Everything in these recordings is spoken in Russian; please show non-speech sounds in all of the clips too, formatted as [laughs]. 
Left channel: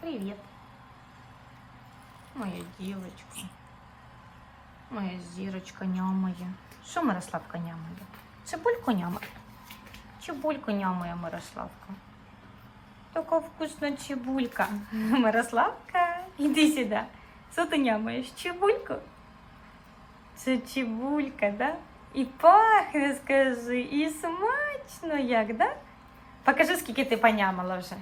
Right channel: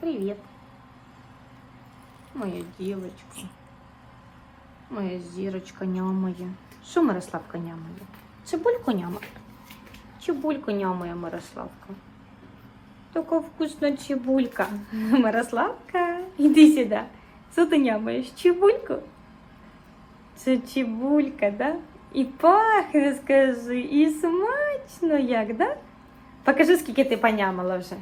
Привет. Моя девочка. Моя зірочка нямає. [laughs] Що Мирославка нямає? Цибульку нямає. Цибульку нямає Мирославка. Така вкусна цибулька. Мирославка, іди сюди. Що ти нямаєш? Цибульку? Це цибулька, да? І пахне, скажи, і смачно як, да? Покажи, скільки ти понямала вже.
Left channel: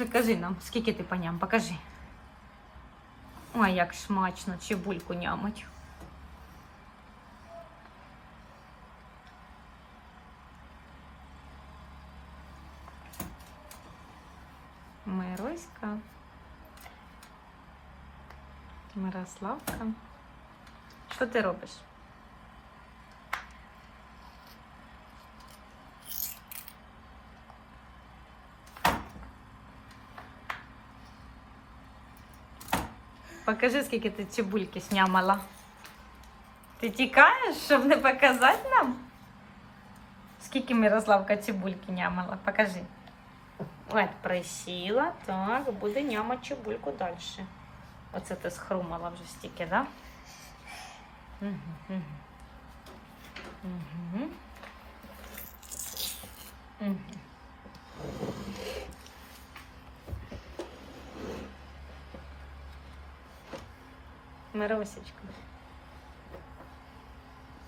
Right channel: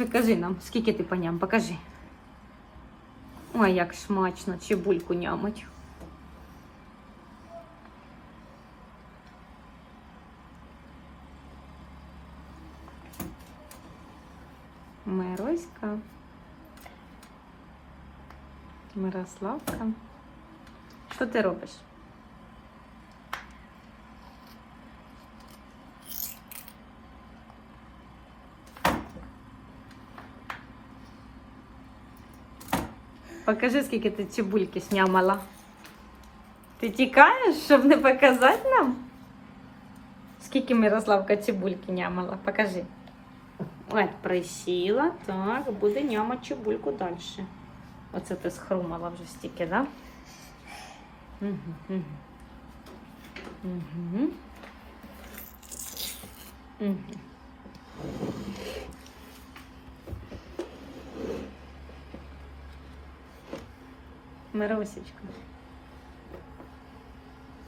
Покажи нам, скільки ти поням, покажи. Ой, як смачно цибульку нямить. Мироська. Мирославка. Що ти робиш? Покажи, скільки ти цибульки снямала. Ти тікаєш, щоб не показати нам? Скільки Мирославка цибульки нямала? Покажи. Ой, присіла, так, буде нямати цибульку далі. Оце ти схрумала вже стільки, так? Да? Угу, угу. Угу. Угу. Миросечка.